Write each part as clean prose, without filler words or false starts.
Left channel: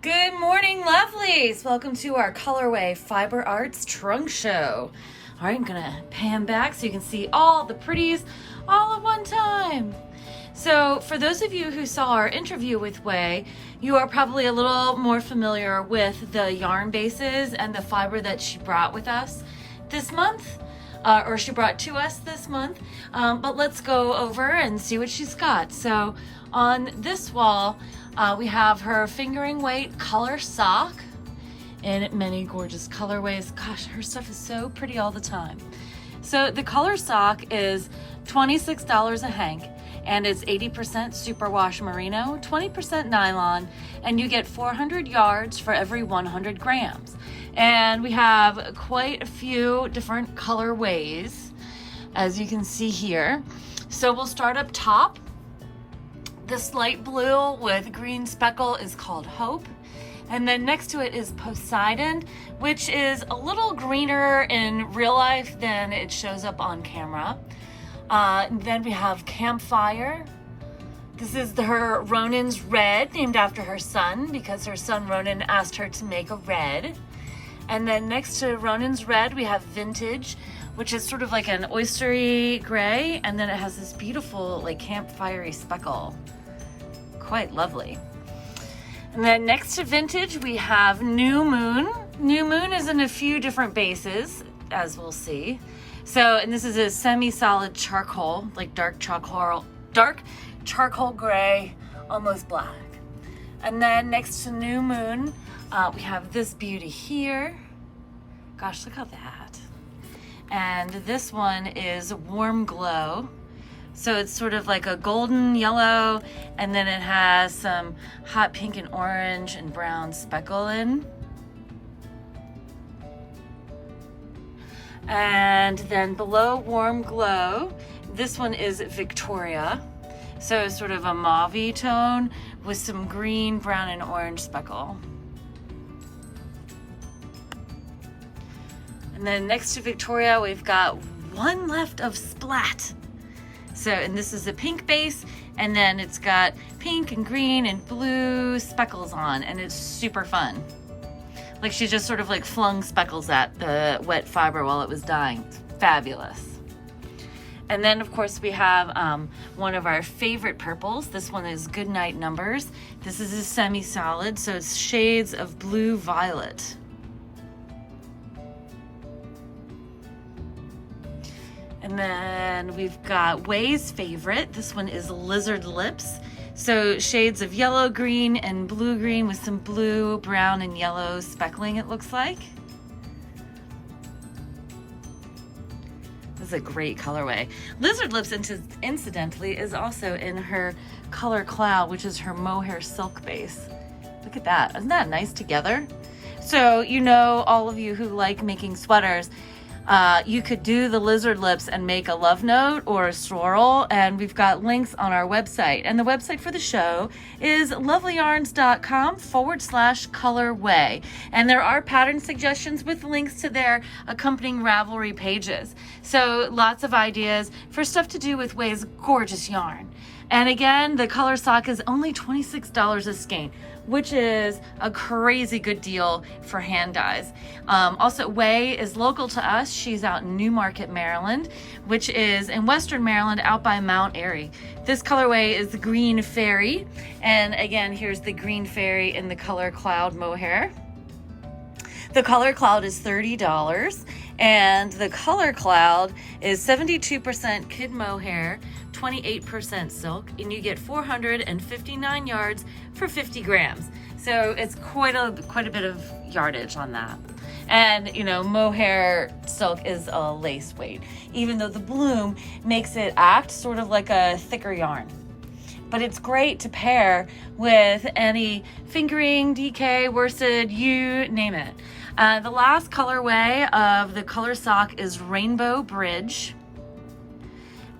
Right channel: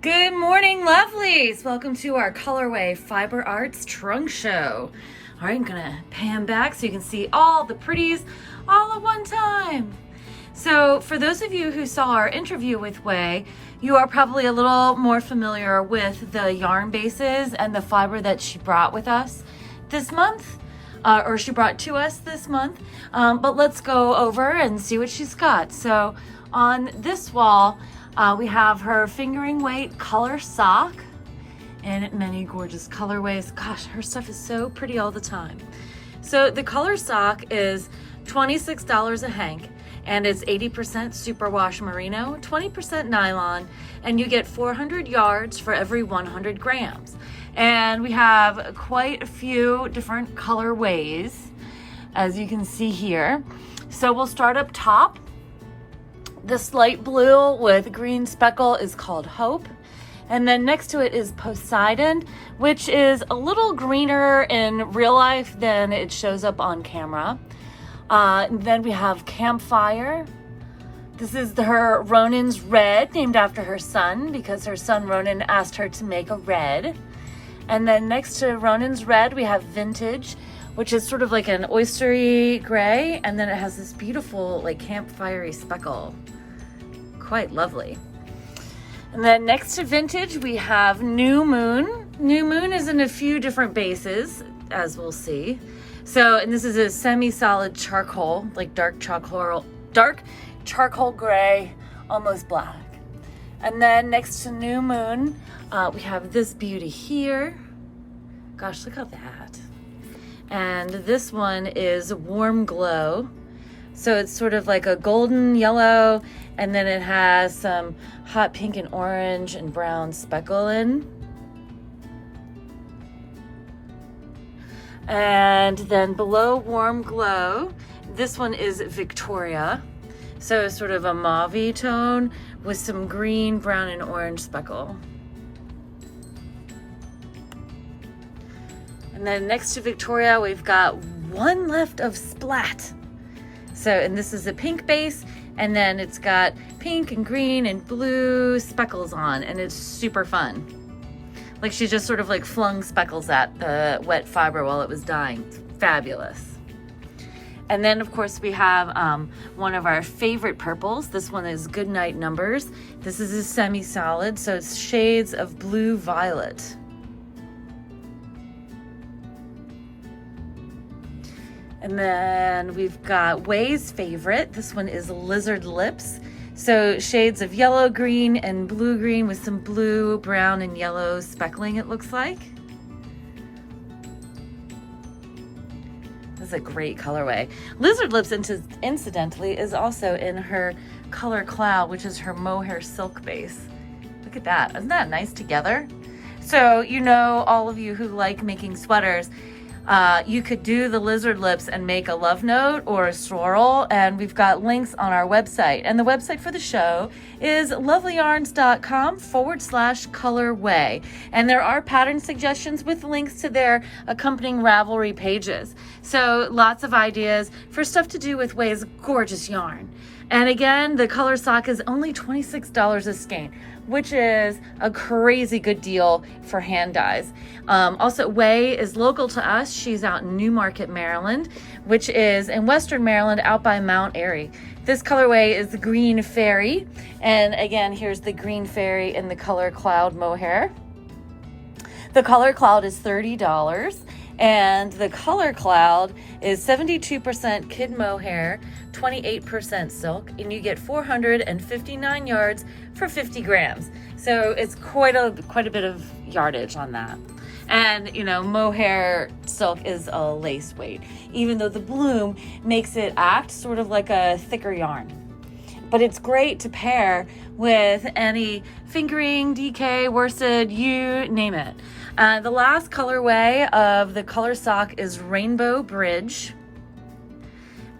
Good morning, lovelies. Welcome to our Colorwae Fiber Arts Trunk Show. All right, I'm gonna pan back so you can see all the pretties all at one time. So for those of you who saw our interview with Way, you are probably a little more familiar with the yarn bases and the fiber that she brought with us this month, or she brought to us this month. But let's go over and see what she's got. So on this wall, we have her fingering weight color sock in many gorgeous colorways. Gosh, her stuff is so pretty all the time. So the color sock is $26 a hank, and it's 80% superwash merino, 20% nylon, and you get 400 yards for every 100 grams. And we have quite a few different colorways, as you can see here. So we'll start up top. This light blue with green speckle is called Hope. And then next to it is Poseidon, which is a little greener in real life than it shows up on camera. Then we have Campfire. This is her Ronin's Red, named after her son, because her son Ronin asked her to make a red. And then next to Ronin's Red, we have Vintage, which is sort of like an oystery gray, and then it has this beautiful like campfire-y speckle. Quite lovely. And then next to Vintage, we have New Moon. New Moon is in a few different bases, as we'll see. So, and this is a semi-solid charcoal, like dark charcoal gray, almost black. And then next to New Moon, we have this beauty here. Gosh, look at that. And this one is Warm Glow. So it's sort of like a golden yellow, and then it has some hot pink and orange and brown speckle in. And then below Warm Glow, this one is Victoria. So sort of a mauve tone with some green, brown, and orange speckle. And then next to Victoria, we've got one left of Splat. So, and this is a pink base, and then it's got pink and green and blue speckles on, and it's super fun. Like she just sort of like flung speckles at the wet fiber while it was dyeing. It's fabulous. And then of course we have one of our favorite purples. This one is Goodnight Numbers. This is a semi-solid, so it's shades of blue violet. And then we've got Way's favorite. This one is Lizard Lips. So shades of yellow, green, and blue green with some blue, brown, and yellow speckling, it looks like. This is a great colorway. Lizard Lips, incidentally, is also in her Color Cloud, which is her mohair silk base. Look at that. Isn't that nice together? So, you know, all of you who like making sweaters, you could do the Lizard Lips and make a love note or a swirl, and we've got links on our website. And the website for the show is lovelyarns.com/colorway. And there are pattern suggestions with links to their accompanying Ravelry pages. So lots of ideas for stuff to do with Way's gorgeous yarn. And again, the color sock is only $26 a skein, which is a crazy good deal for hand dyes. Also, Way is local to us. She's out in Newmarket, Maryland, which is in Western Maryland, out by Mount Airy. This colorway is the Green Fairy. And again, here's the Green Fairy in the Color Cloud mohair. The Color Cloud is $30. And the Color Cloud is 72% kid mohair, 28% silk, and you get 459 yards for 50 grams. So it's quite a bit of yardage on that. And you know, mohair silk is a lace weight, even though the bloom makes it act sort of like a thicker yarn. But it's great to pair with any fingering, DK, worsted, you name it. The last colorway of the color sock is Rainbow Bridge.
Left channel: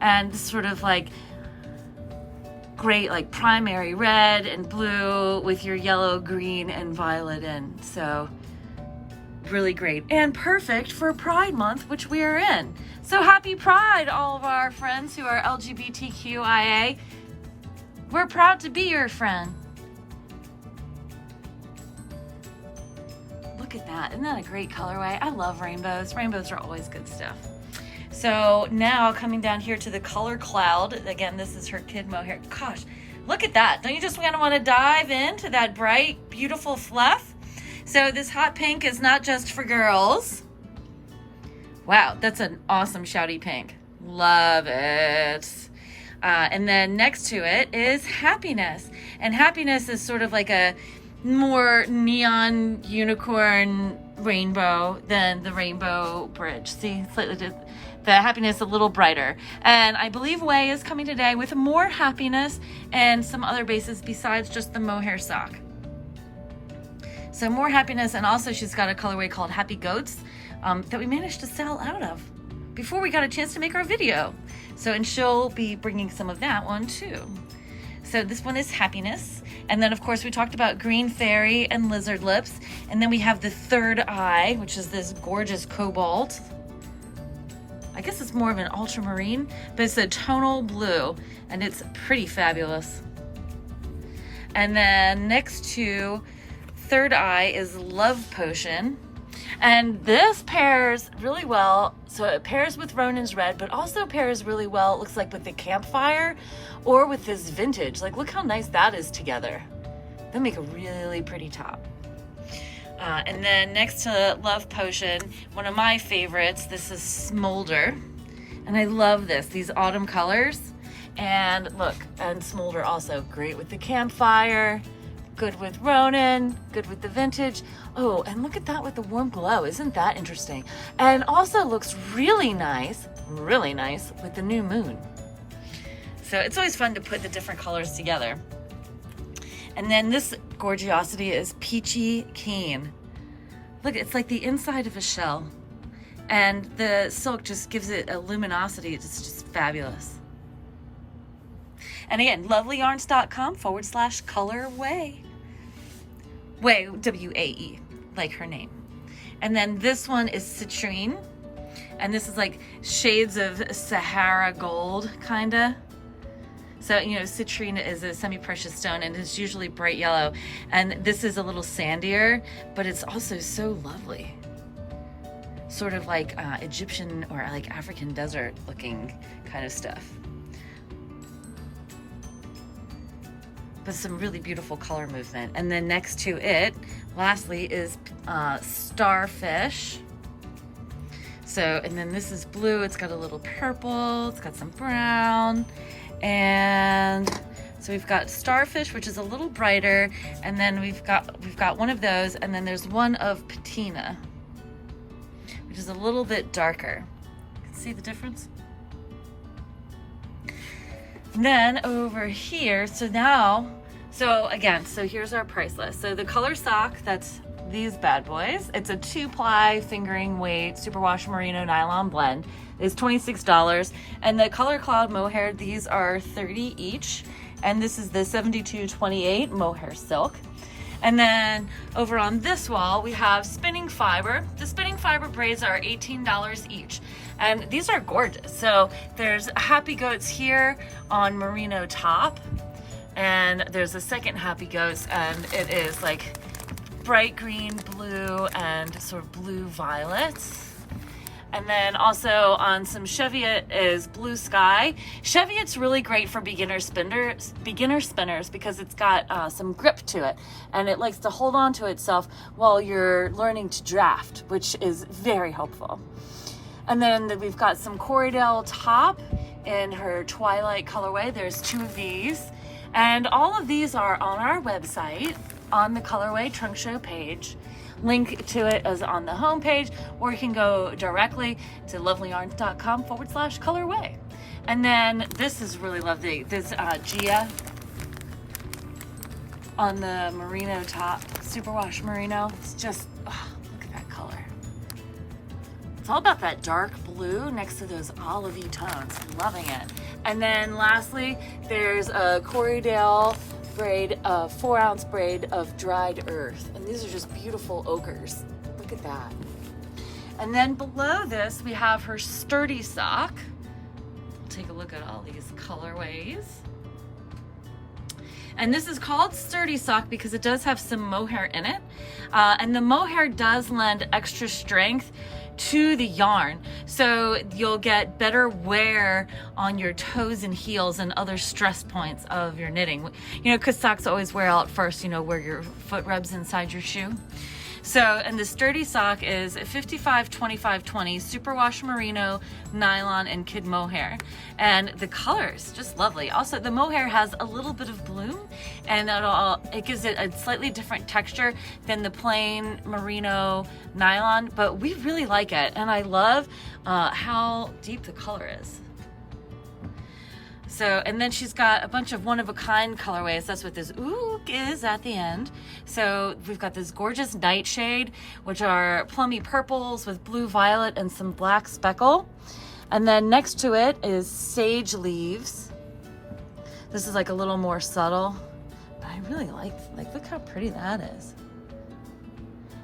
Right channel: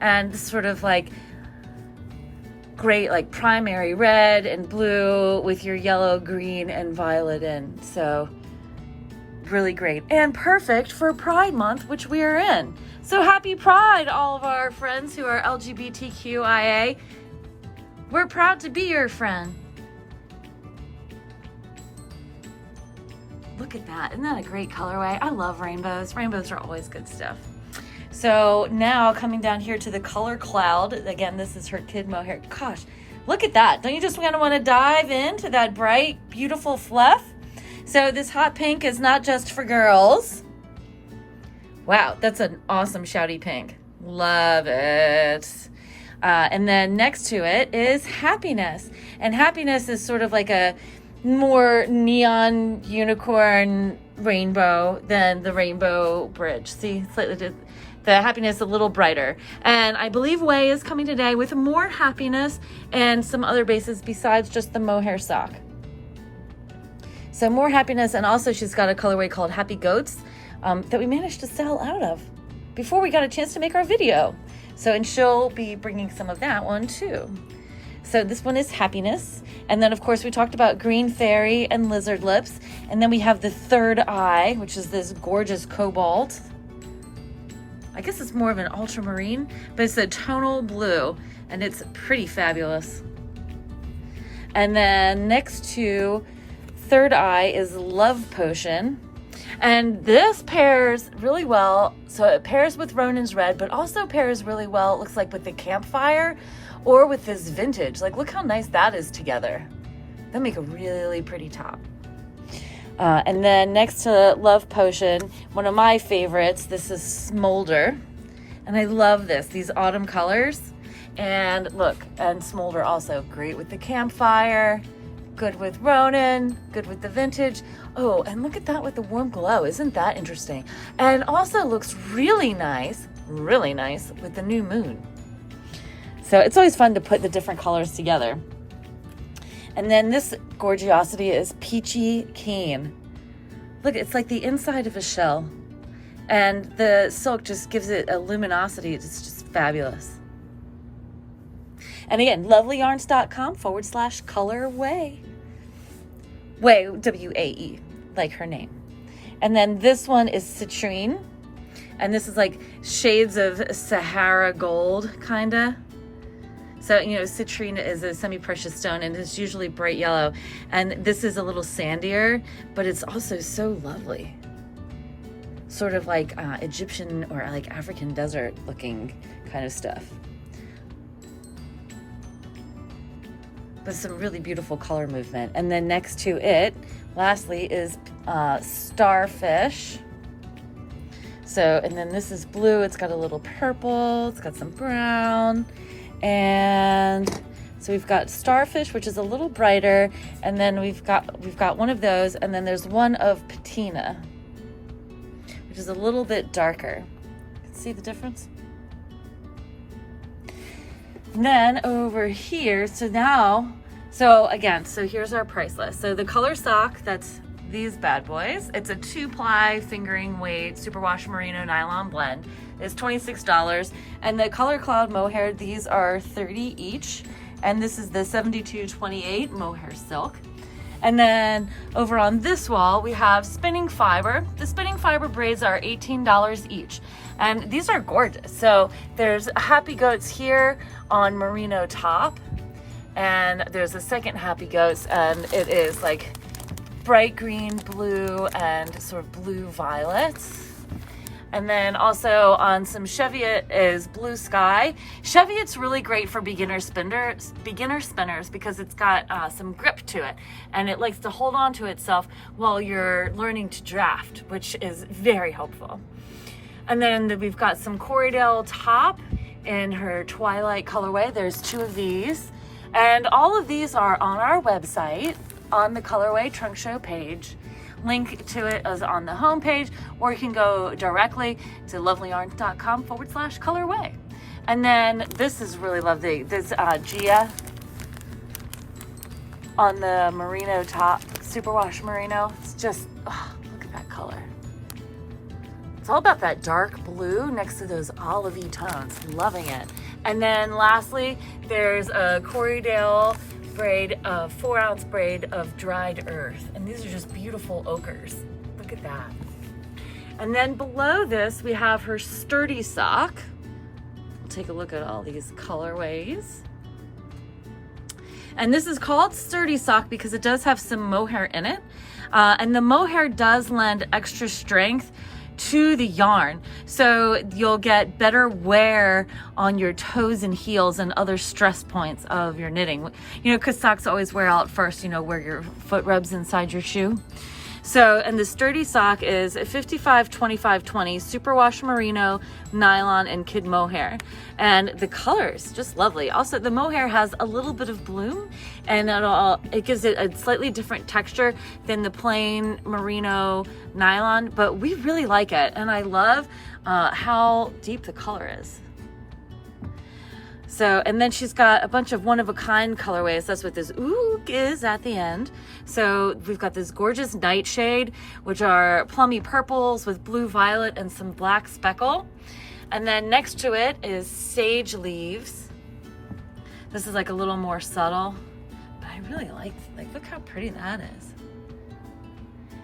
And this sort of like great like primary red and blue with your yellow, green, and violet in. So really great and perfect for Pride Month, which we are in. So happy Pride, all of our friends who are LGBTQIA. We're proud to be your friend. look at that. Isn't that a great colorway? I love rainbows. Rainbows are always good stuff. So now coming down here to the color cloud. Again, this is her kid mohair. Gosh, look at that. Don't you just kind of want to dive into that bright, beautiful fluff? So this hot pink is not just for girls. Wow, that's an awesome shouty pink. Love it. And then next to it is happiness. And happiness is sort of like a more neon unicorn rainbow than the rainbow bridge. See, slightly the happiness a little brighter. And I believe Way is coming today with more happiness and some other bases besides just the mohair sock. So more happiness, and also she's got a colorway called Happy Goats that we managed to sell out of before we got a chance to make our video. So, and she'll be bringing some of that one too. So this one is happiness. And then of course we talked about green fairy and lizard lips. And then we have the third eye, which is this gorgeous cobalt. I guess it's more of an ultramarine, but it's a tonal blue and it's pretty fabulous. And then next to third eye is Love Potion. And this pairs really well. So it pairs with Ronin's red, but also pairs really well, it looks like, with the campfire or with this vintage. Like, look how nice that is together. That'll make a really pretty top. And then next to Love Potion, one of my favorites, this is Smolder. And I love this, these autumn colors. And look, and Smolder also great with the campfire, good with Ronin, good with the vintage. Oh, and look at that with the warm glow. Isn't that interesting? And also looks really nice with the new moon. So it's always fun to put the different colors together. And then this gorgeosity is Peachy Keen. Look, it's like the inside of a shell. And the silk just gives it a luminosity. It's just fabulous. And again, lovelyarns.com/colorway. Way, W-A-E, like her name. And then this one is Citrine. And this is like shades of Sahara gold, kinda. So, you know, citrine is a semi-precious stone and it's usually bright yellow. And this is a little sandier, but it's also so lovely. Sort of like Egyptian or like African desert looking kind of stuff. With some really beautiful color movement. And then next to it, lastly, is Starfish. So, and then this is blue. It's got a little purple. It's got some brown. And so we've got Starfish, which is a little brighter, and then we've got one of those, and then there's one of Patina, which is a little bit darker. See the difference? And then over here, so here's our price list. So the color sock, that's these bad boys. It's a 2-ply fingering weight superwash merino nylon blend. Is $26, and the color cloud mohair, these are $30 each, and this is the 7228 mohair silk. And then over on this wall we have spinning fiber. The spinning fiber braids are $18 each, and these are gorgeous. So there's Happy Goats here on merino top, and there's a second Happy Goats, and it is like bright green, blue, and sort of blue violets. And then also on some Cheviot is Blue Sky. Cheviot's really great for beginner spinners because it's got some grip to it, and it likes to hold on to itself while you're learning to draft, which is very helpful. And then we've got some Corriedale top in her Twilight colorway. There's 2 of these, and all of these are on our website on the Colorwae Trunk Show page. Link to it is on the homepage, or you can go directly to lovelyarns.com/colorway. And then this is really lovely. This Gia on the merino top, superwash merino. It's just, oh, look at that color. It's all about that dark blue next to those olivey tones. I'm loving it. And then lastly, there's a Corriedale braid, 4-ounce braid of dried earth, and these are just beautiful ochres. Look at that. And then below this we have her sturdy sock. We'll take a look at all these colorways. And this is called sturdy sock because it does have some mohair in it. And the mohair does lend extra strength to the yarn. So you'll get better wear on your toes and heels and other stress points of your knitting. You know, because socks always wear out first, you know, where your foot rubs inside your shoe. So, and the sturdy sock is 55, 25, 20, superwash merino, nylon, and kid mohair. And the color's just lovely. Also, the mohair has a little bit of bloom, and it gives it a slightly different texture than the plain merino nylon, but we really like it. And I love how deep the color is. So, and then she's got a bunch of one-of-a-kind colorways. That's what this ook is at the end. So we've got this gorgeous nightshade, which are plummy purples with blue violet and some black speckle. And then next to it is sage leaves. This is like a little more subtle, but I really like look how pretty that is.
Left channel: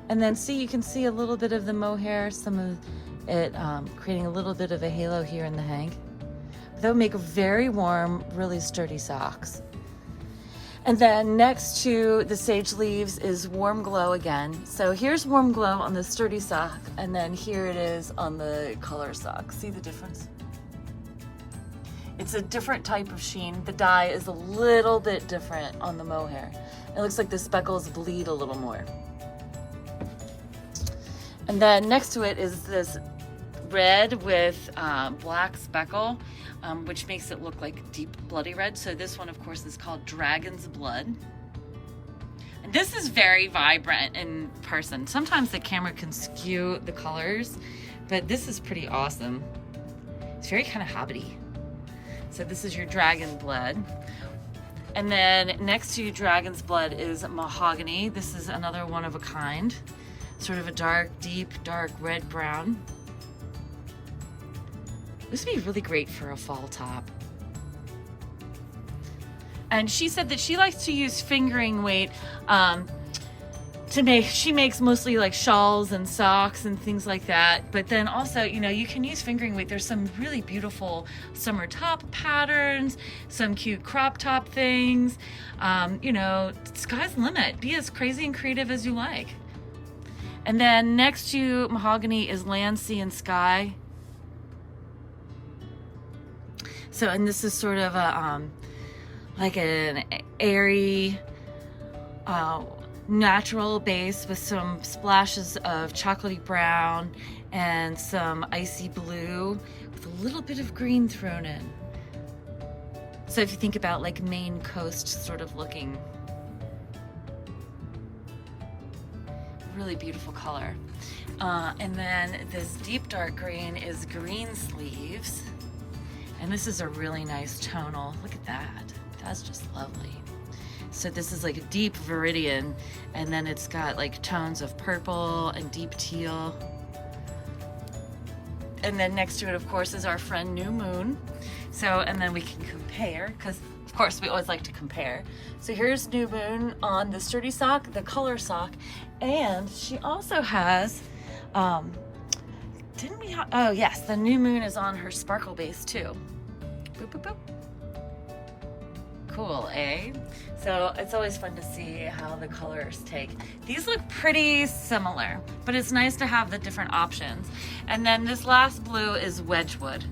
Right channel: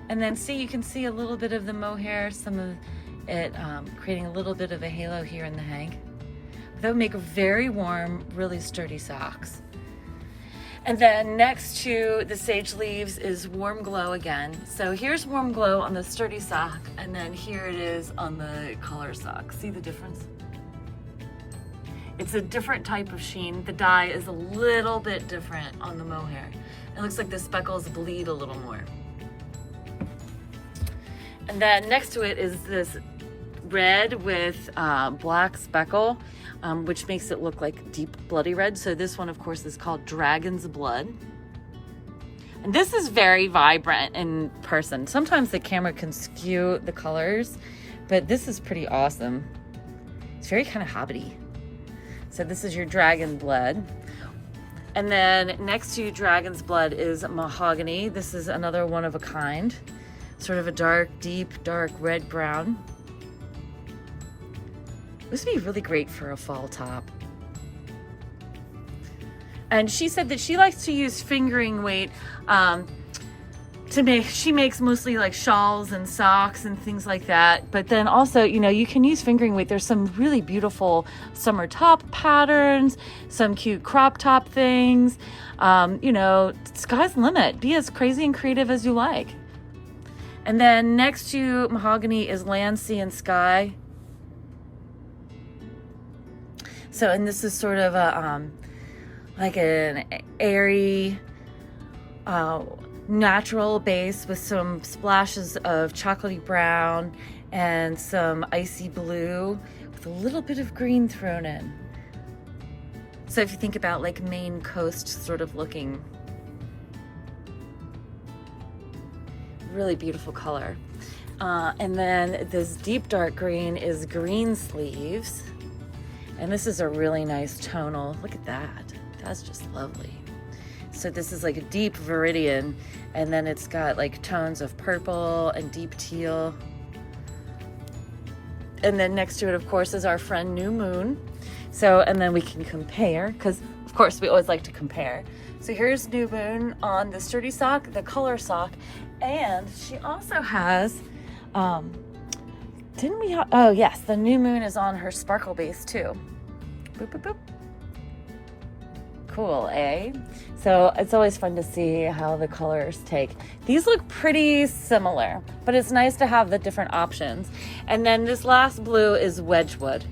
And then see, you can see a little bit of the mohair, some of it creating a little bit of a halo here in the hank. That would make very warm, really sturdy socks. And then next to the sage leaves is warm glow again. So here's warm glow on the sturdy sock, and then here it is on the color sock. See the difference? It's a different type of sheen. The dye is a little bit different on the mohair. It looks like the speckles bleed a little more. And then next to it is this red with black speckle, which makes it look like deep bloody red. So this one, of course, is called Dragon's Blood. And this is very vibrant in person. Sometimes the camera can skew the colors, but this is pretty awesome. It's very kind of hobbity. So this is your Dragon Blood. And then next to Dragon's Blood is Mahogany. This is another one of a kind. Sort of a dark, deep, dark red-brown. This would be really great for a fall top. And she said that she likes to use fingering weight she makes mostly like shawls and socks and things like that. But then also, you know, you can use fingering weight. There's some really beautiful summer top patterns, some cute crop top things. You know, sky's the limit. Be as crazy and creative as you like. And then next to Mahogany is Land, Sea, and Sky. So, and this is sort of a, like an airy, natural base with some splashes of chocolatey brown and some icy blue with a little bit of green thrown in. So if you think about like Maine coast sort of looking, really beautiful color. And then this deep dark green is Green Sleeves. And this is a really nice tonal. Look at that. That's just lovely. So this is like a deep viridian, and then it's got like tones of purple and deep teal. And then next to it, of course, is our friend New Moon. So, and then we can compare, because of course we always like to compare. So here's New Moon on the sturdy sock, the color sock, and she also has, didn't we have, oh yes, the New Moon is on her sparkle base too. Boop, boop, boop. Cool, eh? So it's always fun to see how the colors take. These look pretty similar, but it's nice to have the different options. And then this last blue is Wedgwood.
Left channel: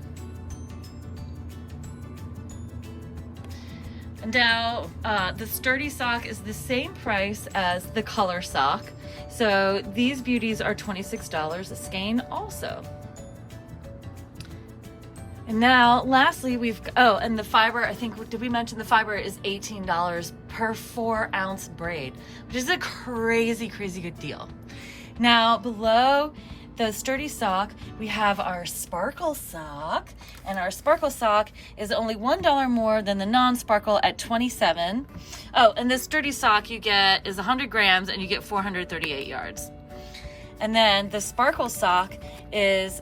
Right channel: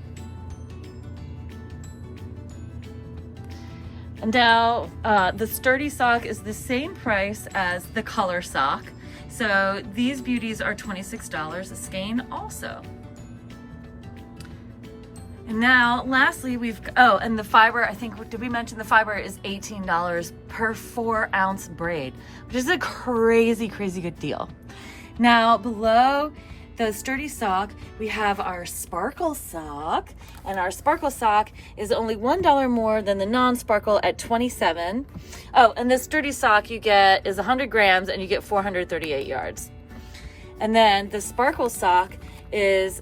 And now the sturdy sock is the same price as the color sock. So these beauties are $26 a skein also. And now lastly and the fiber, I think, did we mention the fiber is $18 per 4-ounce braid, which is a crazy, crazy good deal. Now below the sturdy sock, we have our sparkle sock, and our sparkle sock is only $1 more than the non-sparkle at $27. Oh, and the sturdy sock you get is 100 grams and you get 438 yards. And then the sparkle sock is,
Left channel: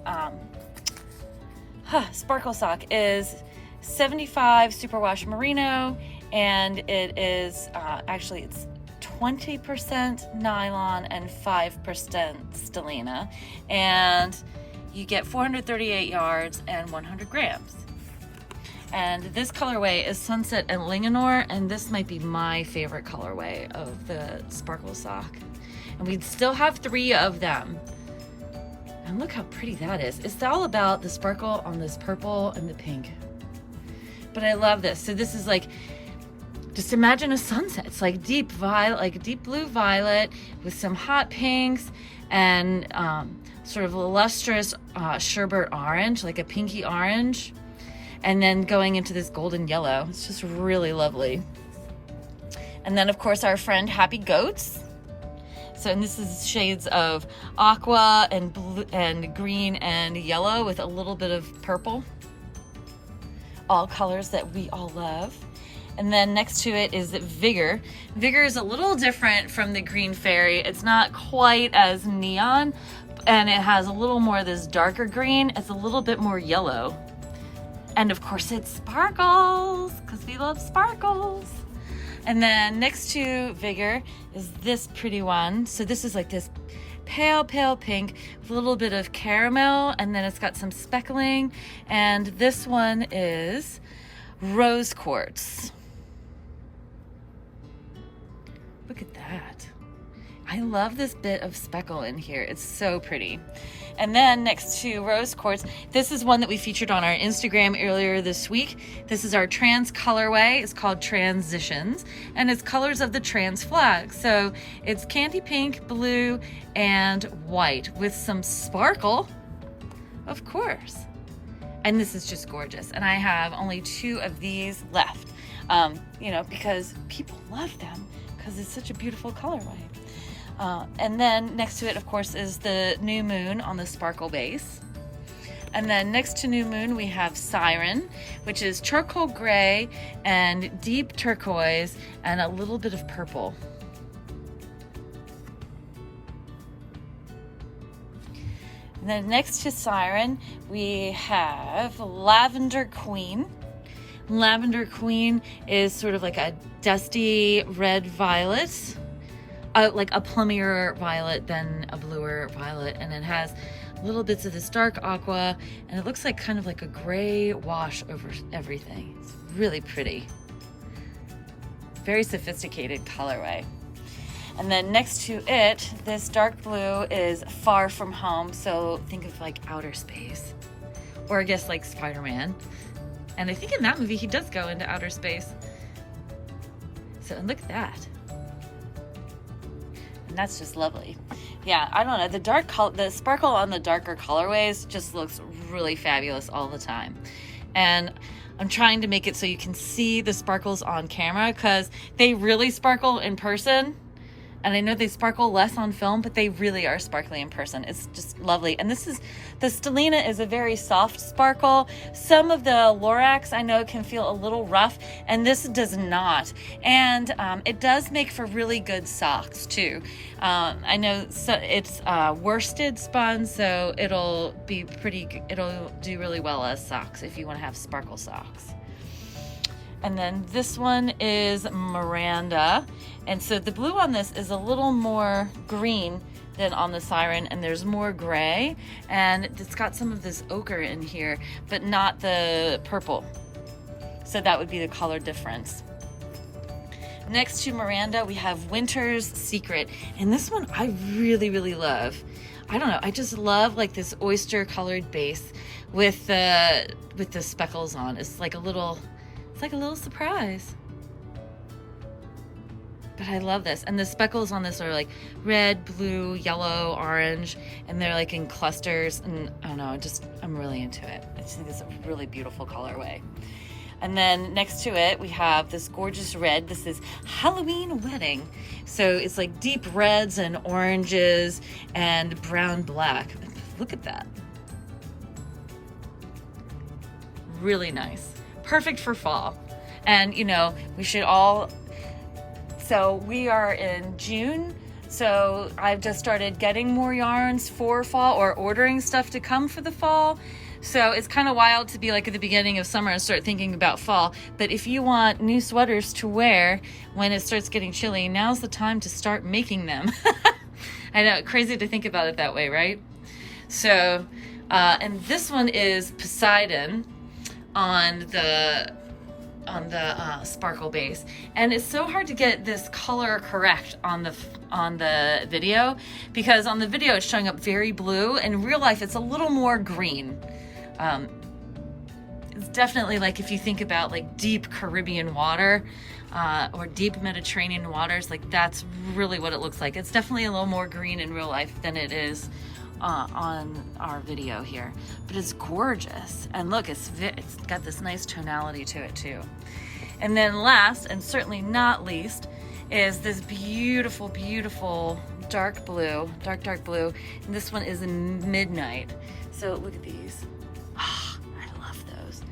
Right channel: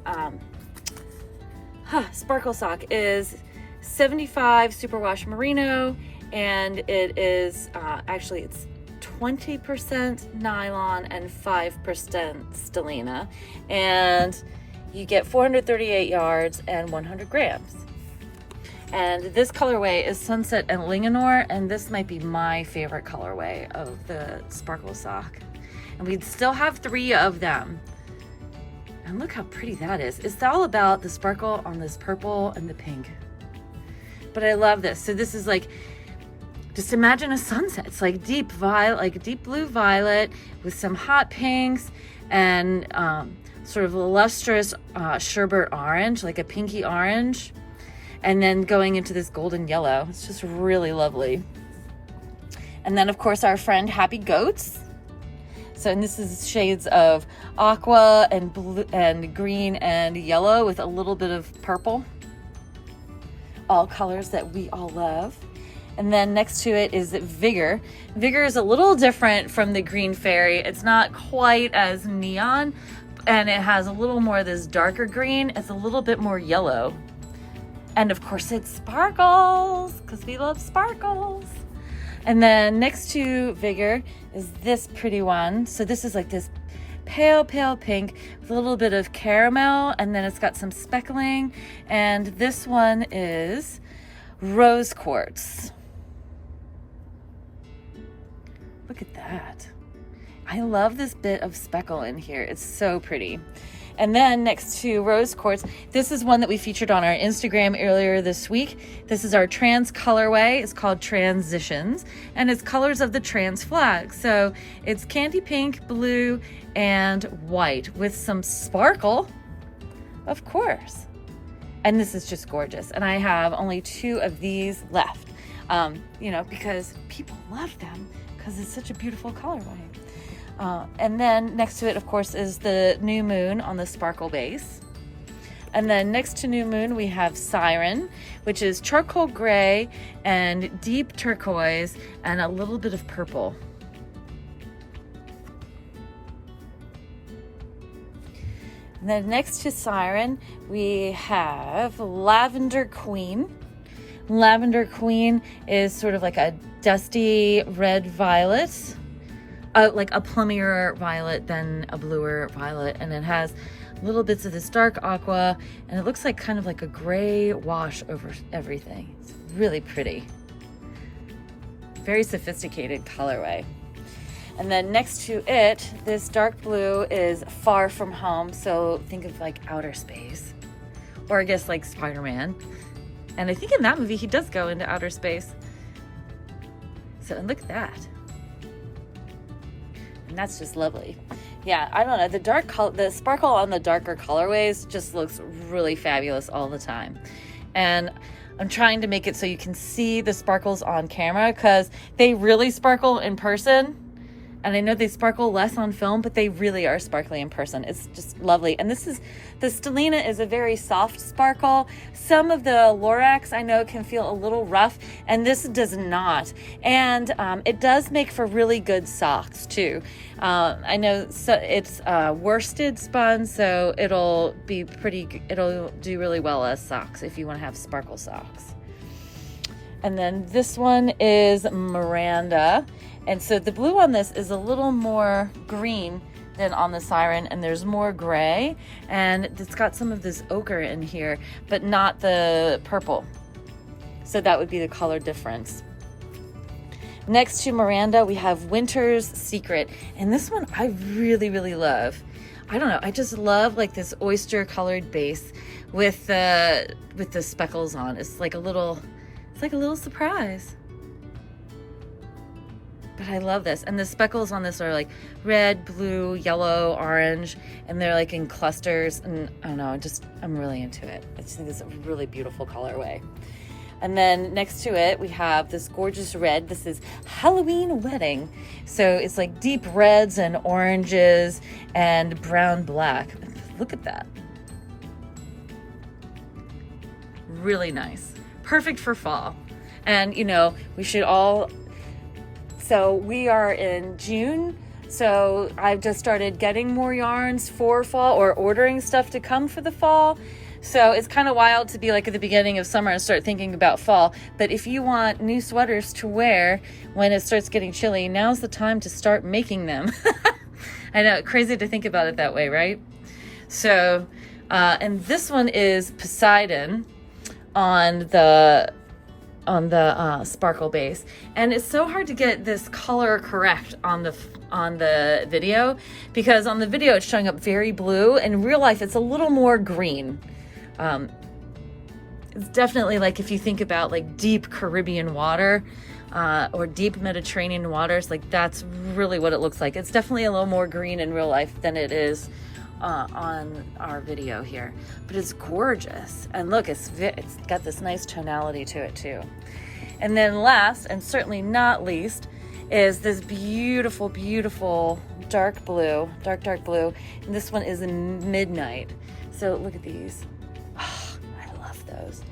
sparkle sock is 75 superwash merino, and it is, actually it's 20% nylon and 5% stellina, and you get 438 yards and 100 grams. And this colorway is Sunset and Linganore, and this might be my favorite colorway of the sparkle sock. And we still have 3 of them. And look how pretty that is. It's all about the sparkle on this purple and the pink. But I love this. So this is like, just imagine a sunset. It's like deep violet, like a deep blue violet with some hot pinks and sort of a lustrous sherbet orange, like a pinky orange. And then going into this golden yellow. It's just really lovely. And then of course our friend Happy Goats. So, and this is shades of aqua and blue and green and yellow with a little bit of purple. All colors that we all love. And then next to it is Vigor. Vigor is a little different from the Green Fairy. It's not quite as neon, and it has a little more of this darker green. It's a little bit more yellow. And of course it sparkles, because we love sparkles. And then next to Vigor is this pretty one. So this is like this pale, pale pink with a little bit of caramel, and then it's got some speckling. And this one is Rose Quartz. Look at that. I love this bit of speckle in here. It's so pretty. And then next to Rose Quartz, this is one that we featured on our Instagram earlier this week. This is our trans colorway. It's called Transitions, and it's colors of the trans flag. So it's candy pink, blue, and white with some sparkle, of course. And this is just gorgeous. And I have only 2 of these left, you know, because people love them because it's such a beautiful colorway. And then next to it, of course, is the New Moon on the sparkle base. And then next to New Moon, we have Siren, which is charcoal gray and deep turquoise and a little bit of purple. And then next to Siren, we have Lavender Queen. Lavender Queen is sort of like a dusty red violet. Like a plummier violet than a bluer violet, and it has little bits of this dark aqua, and it looks like kind of like a gray wash over everything. It's really pretty. Very sophisticated colorway. And then next to it, this dark blue is Far From Home, so think of like outer space, or I guess like Spider-Man. And I think in that movie he does go into outer space. So and look at that. And that's just lovely. Yeah, I don't know. The sparkle on the darker colorways just looks really fabulous all the time. And I'm trying to make it so you can see the sparkles on camera because they really sparkle in person. And I know they sparkle less on film, but they really are sparkly in person. It's just lovely. And the Stellina is a very soft sparkle. Some of the Lorax I know can feel a little rough, and this does not. And it does make for really good socks too. I know it's worsted spun, so it'll do really well as socks if you want to have sparkle socks. And then this one is Miranda. And so the blue on this is a little more green than on the Siren, and there's more gray. And it's got some of this ochre in here, but not the purple. So that would be the color difference. Next to Miranda, we have Winter's Secret. And this one I really, really love. I don't know, I just love like this oyster colored base with the speckles on. It's like a little surprise. But I love this. And the speckles on this are like red, blue, yellow, orange, and they're like in clusters. And I don't know, I'm really into it. I just think it's a really beautiful colorway. And then next to it, we have this gorgeous red. This is Halloween Wedding. So it's like deep reds and oranges and brown black. Look at that. Really nice. Perfect for fall. And you know, so we are in June, so I've just started getting more yarns for fall or ordering stuff to come for the fall. So it's kind of wild to be like at the beginning of summer and start thinking about fall. But if you want new sweaters to wear when it starts getting chilly, now's the time to start making them. I know, crazy to think about it that way, right? So, and this one is Poseidon. on the sparkle base, and it's so hard to get this color correct on the video, because on the video it's showing up very blue. In real life it's a little more green. It's definitely like, if you think about like deep Caribbean water or deep Mediterranean waters, like that's really what it looks like. It's definitely a little more green in real life than it is on our video here, but it's gorgeous. And look, it's got this nice tonality to it too. And then last, and certainly not least, is this beautiful, beautiful dark blue, dark blue. And this one is in Midnight. So look at these. Oh, I love those.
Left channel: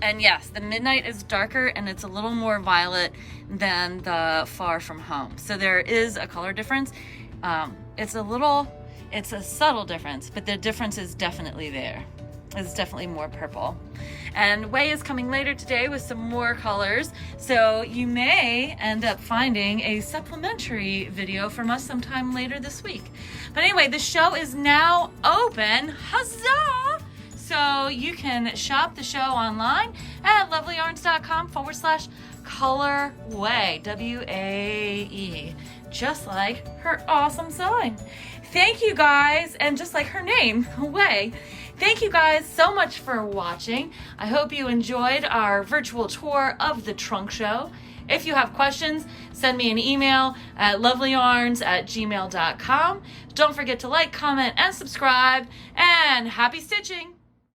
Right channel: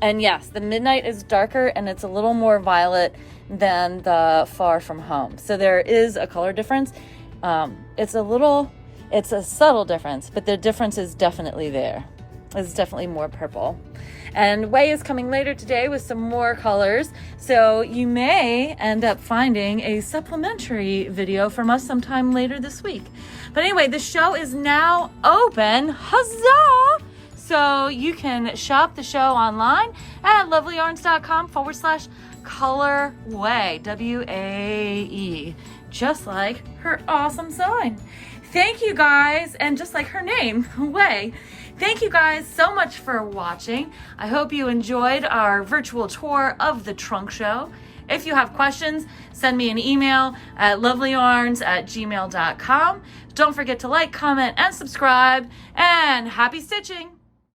And yes, the Midnight is darker and it's a little more violet than the Far From Home. So there is a color difference. It's a subtle difference, but the difference is definitely there. It's definitely more purple. And Way is coming later today with some more colors, so you may end up finding a supplementary video from us sometime later this week. But anyway, the show is now open. Huzzah! So you can shop the show online at lovelyarns.com/colorwae, W-A-E, just like her awesome sign. Thank you guys, and just like her name, Way. Thank you guys so much for watching. I hope you enjoyed our virtual tour of the trunk show. If you have questions, send me an email at lovelyarns@gmail.com. Don't forget to like, comment, and subscribe, and happy stitching!